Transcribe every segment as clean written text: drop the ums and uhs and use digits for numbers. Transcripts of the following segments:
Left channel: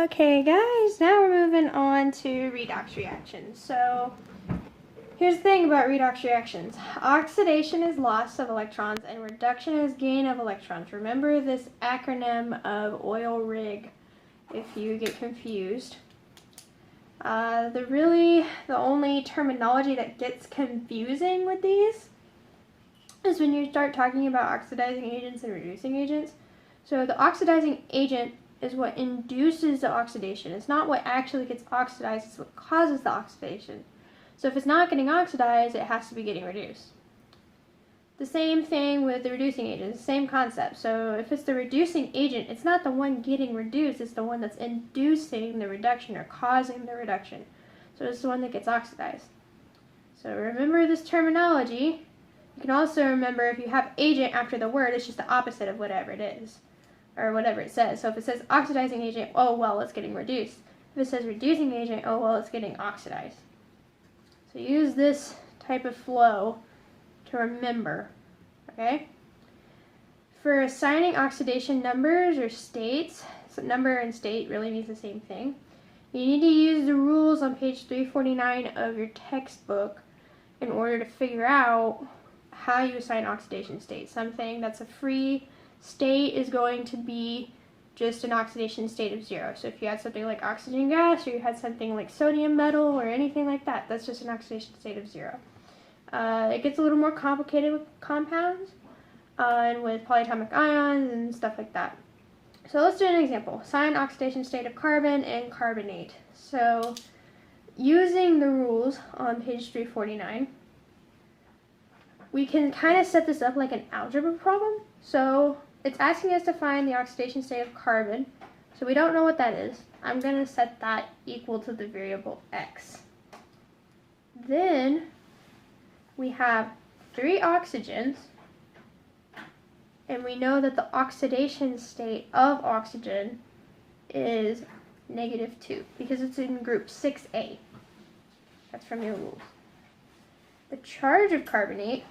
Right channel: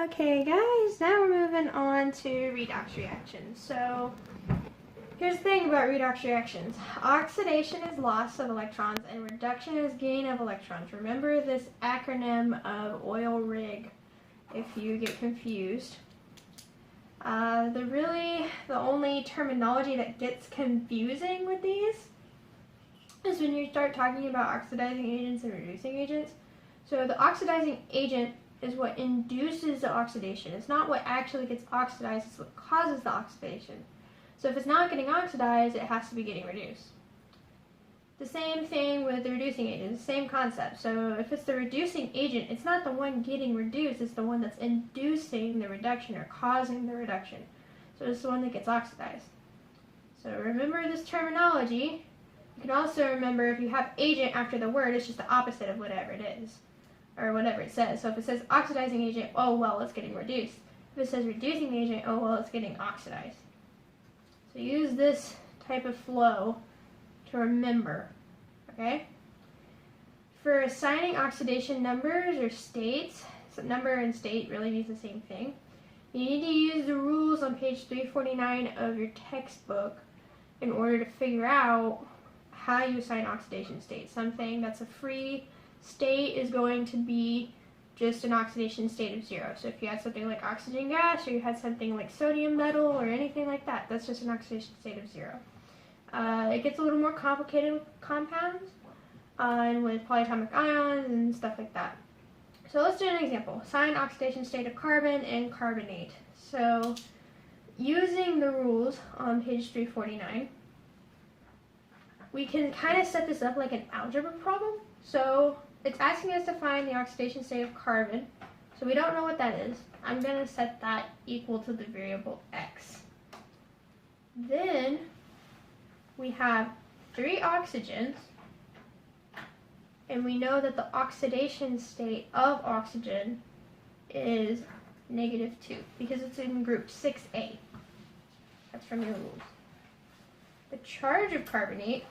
Okay guys, now we're moving on to redox reactions. So here's the thing about redox reactions. Oxidation is loss of electrons and reduction is gain of electrons. Remember this acronym of oil rig if you get confused. The only terminology that gets confusing with these is when you start talking about oxidizing agents and reducing agents. So the oxidizing agent is what induces the oxidation. It's not what actually gets oxidized, it's what causes the oxidation. So if it's not getting oxidized, it has to be getting reduced. The same thing with the reducing agent, same concept. So if it's the reducing agent, it's not the one getting reduced, it's the one that's inducing the reduction or causing the reduction. So it's the one that gets oxidized. So remember this terminology. You can also remember if you have agent after the word, it's just the opposite of whatever it is, or whatever it says. So if it says oxidizing agent, oh well, it's getting reduced. If it says reducing agent, oh well, it's getting oxidized. So use this type of flow to remember, okay? For assigning oxidation numbers or states, so number and state really means the same thing. You need to use the rules on page 349 of your textbook in order to figure out how you assign oxidation state. Something that's a free state is going to be just an oxidation state of 0. So if you had something like oxygen gas, or you had something like sodium metal, or anything like that, that's just an oxidation state of 0. It gets a little more complicated with compounds and with polyatomic ions and stuff like that. So let's do an example. Assign oxidation state of carbon and carbonate. So using the rules on page 349, we can kind of set this up like an algebra problem. So it's asking us to find the oxidation state of carbon. So we don't know what that is. I'm going to set that equal to the variable x. Then we have 3 oxygens, and we know that the oxidation state of oxygen is -2 because it's in group 6A. That's from your rules. The charge of carbonate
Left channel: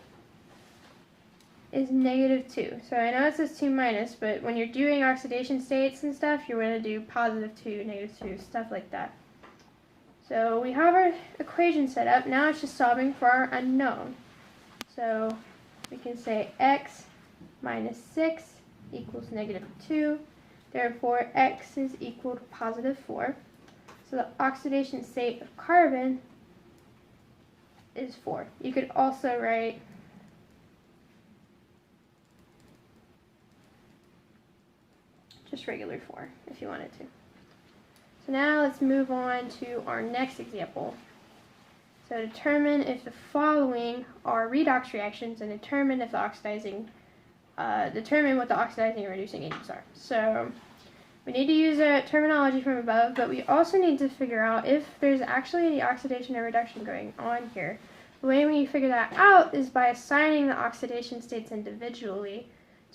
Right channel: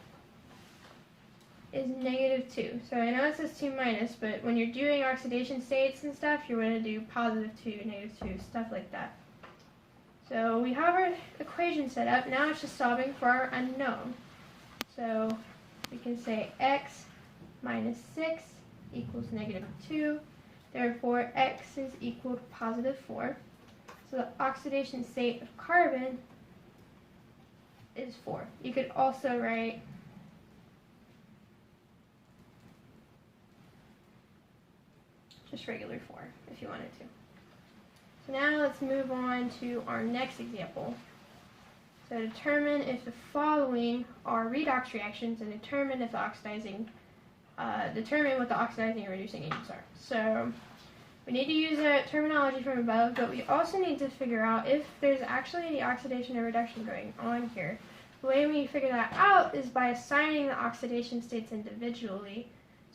is -2. So I know it says 2 minus, but when you're doing oxidation states and stuff, you're going to do +2, -2, stuff like that. So we have our equation set up. Now it's just solving for our unknown. So we can say x minus 6 equals -2. Therefore, x is equal to +4. So the oxidation state of carbon is 4. You could also write just regular 4 if you wanted to. So now let's move on to our next example. So determine if the following are redox reactions and determine what the oxidizing and reducing agents are. So we need to use a terminology from above, but we also need to figure out if there's actually any oxidation or reduction going on here. The way we figure that out is by assigning the oxidation states individually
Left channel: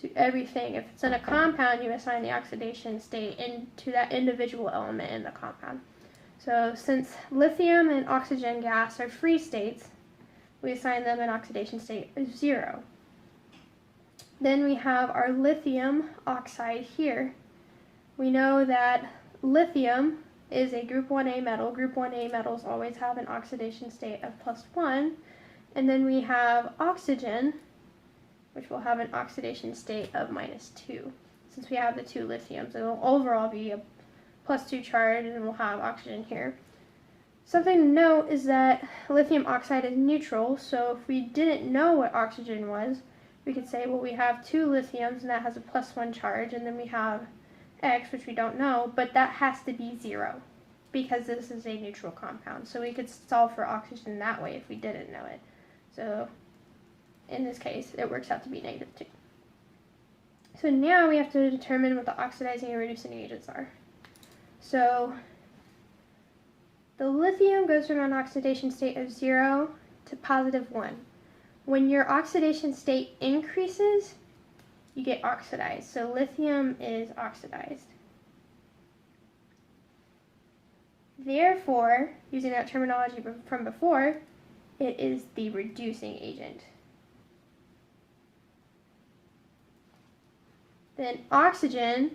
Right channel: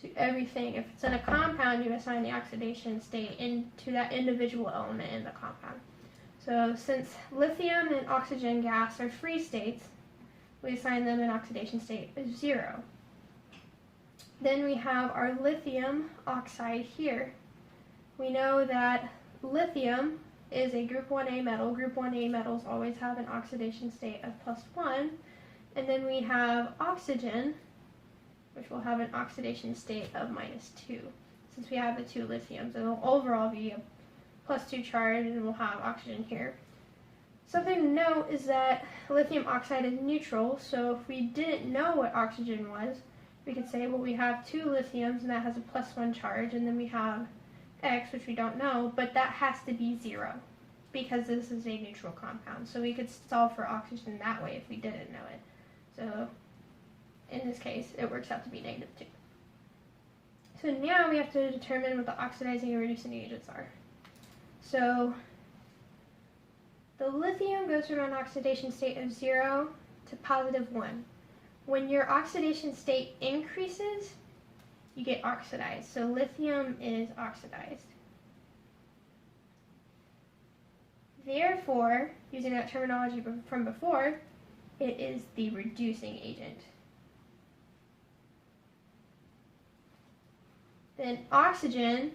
to everything. If it's in a compound, you assign the oxidation state into that individual element in the compound. So since lithium and oxygen gas are free states, we assign them an oxidation state of 0. Then we have our lithium oxide here. We know that lithium is a group 1A metal. Group 1A metals always have an oxidation state of +1. And then we have oxygen, which will have an oxidation state of -2. Since we have the 2 lithiums, it will overall be a +2 charge, and we'll have oxygen here. Something to note is that lithium oxide is neutral, so if we didn't know what oxygen was, we could say, well, we have 2 lithiums, and that has a +1 charge, and then we have X, which we don't know, but that has to be 0, because this is a neutral compound. So we could solve for oxygen that way if we didn't know it. So in this case, it works out to be -2. So now we have to determine what the oxidizing and reducing agents are. So the lithium goes from an oxidation state of 0 to +1. When your oxidation state increases, you get oxidized. So lithium is oxidized. Therefore, using that terminology from before, it is the reducing agent. Then oxygen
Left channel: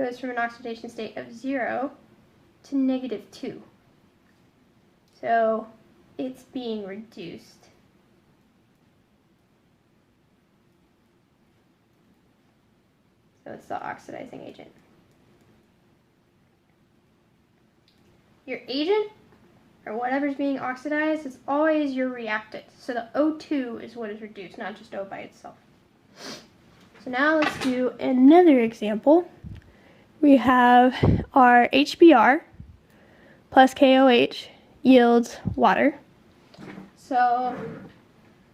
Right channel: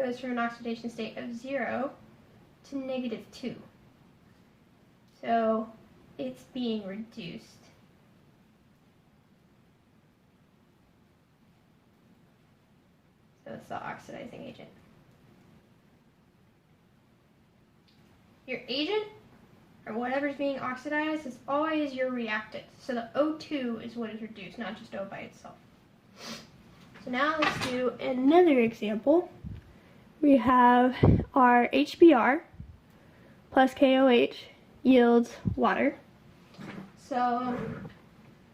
goes from an oxidation state of 0 to -2. So it's being reduced. So it's the oxidizing agent. Your agent, or whatever's being oxidized, is always your reactant. So the O2 is what is reduced, not just O by itself. So now let's do another example. We have our HBr plus KOH yields water. So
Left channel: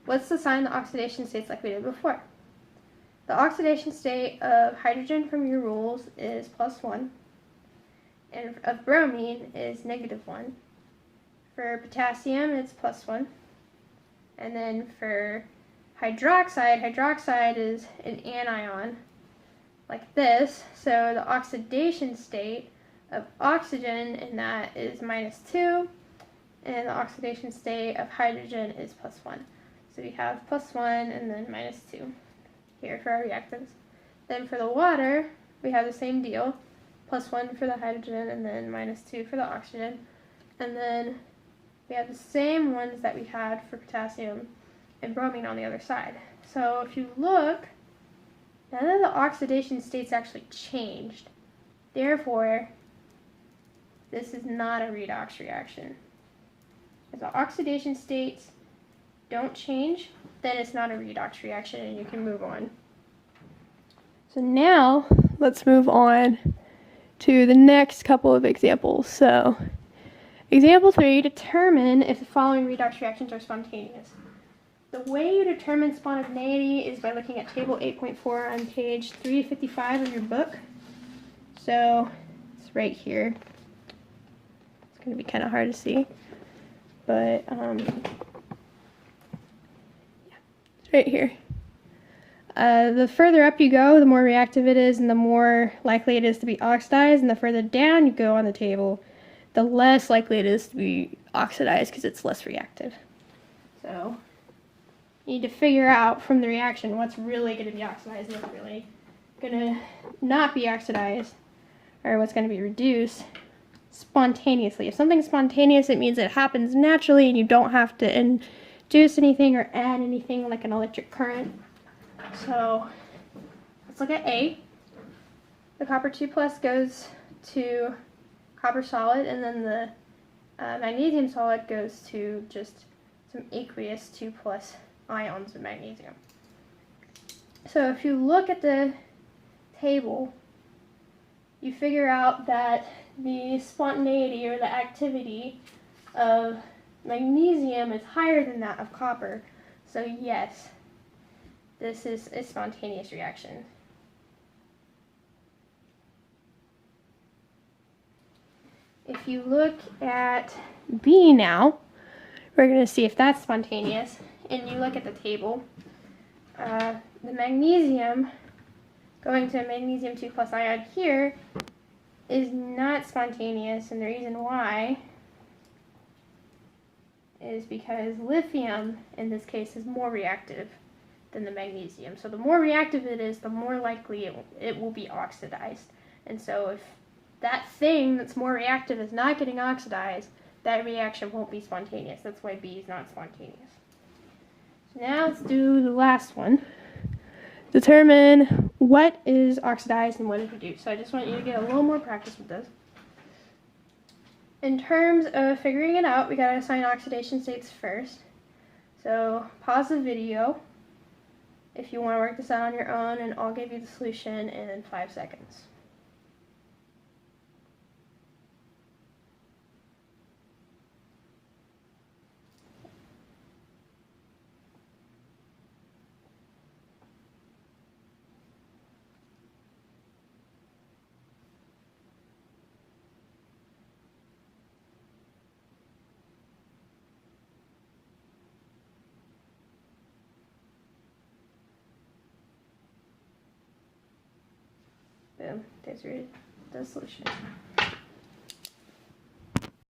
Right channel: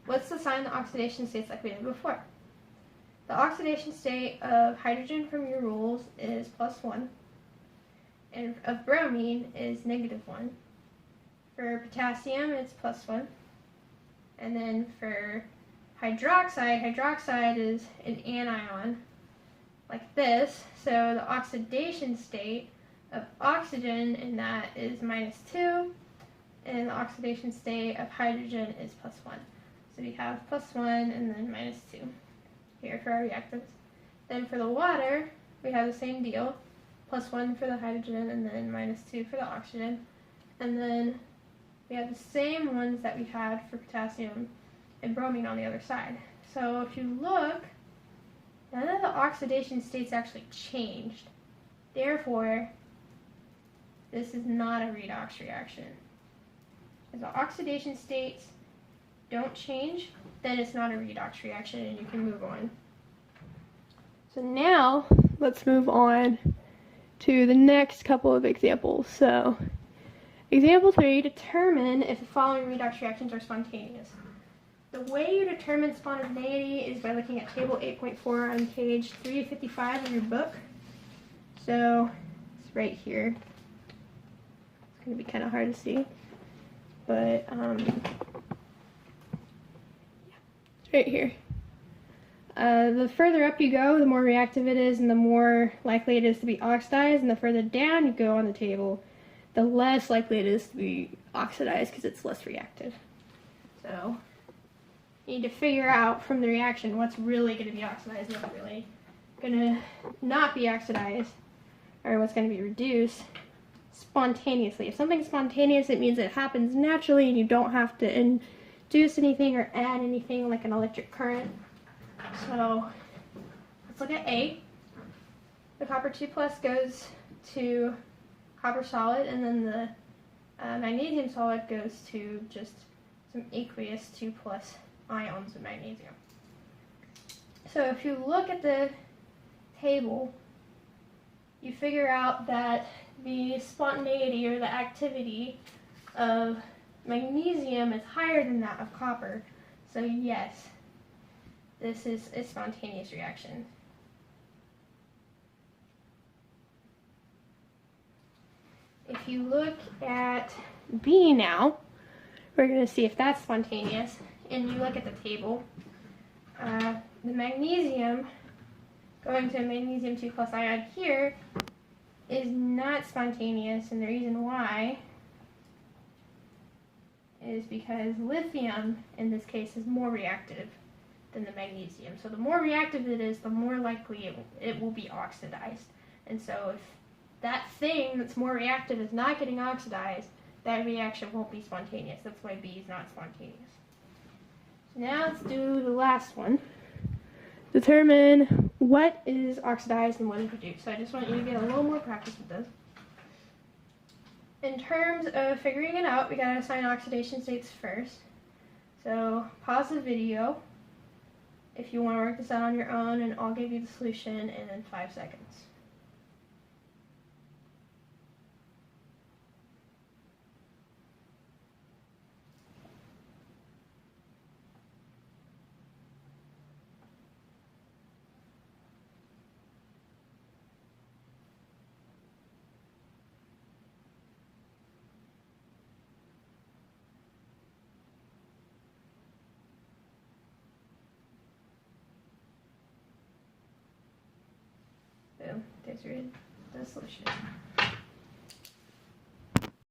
what's the sign the oxidation states like we did before? The oxidation state of hydrogen from your rules is +1, and of bromine is -1. For potassium, it's +1. And then for hydroxide is an anion, like this. So the oxidation state of oxygen in that is -2, and the oxidation state of hydrogen is +1. So we have +1 and then -2 here for our reactants. Then for the water, we have the same deal, +1 for the hydrogen and then -2 for the oxygen. And then we have the same ones that we had for potassium and bromine on the other side. So if you look, none of the oxidation states actually changed. Therefore, this is not a redox reaction. If the oxidation states don't change, then it's not a redox reaction and you can move on. So now let's move on to the next couple of examples. So example 3, determine if the following redox reactions are spontaneous. The way you determine spontaneity is by looking at table 8.4 on page 355 of your book. So it's right here. It's going to be kind of hard to see, but it's right here. The further up you go, the more reactive it is and the more likely it is to be oxidized, and the further down you go on the table, the less likely it is to be oxidized because it's less reactive. So you need to figure out from the reaction what's really going to be oxidized and what's really going to not be oxidized, or what's going to be reduced spontaneously. If something's spontaneous, it means it happens naturally and you don't have to induce anything or add anything like an electric current. So let's look at A. The copper 2+ goes to copper solid, and then the magnesium solid goes to just some aqueous 2+ ions of magnesium. So if you look at the table, you figure out that the spontaneity or the activity of magnesium is higher than that of copper. So yes, this is a spontaneous reaction. If you look at B now, we're going to see if that's spontaneous. And you look at the table, the magnesium going to a magnesium 2+ ion here is not spontaneous, and the reason why is because lithium in this case is more reactive than the magnesium. So the more reactive it is, the more likely it will be oxidized. And so if that thing that's more reactive is not getting oxidized, that reaction won't be spontaneous. That's why B is not spontaneous. Now let's do the last one. Determine what is oxidized and what is reduced. So I just want you to get a little more practice with this. In terms of figuring it out, we gotta assign oxidation states first. So pause the video if you want to work this out on your own, and I'll give you the solution in 5 seconds. Boom, there's the solution.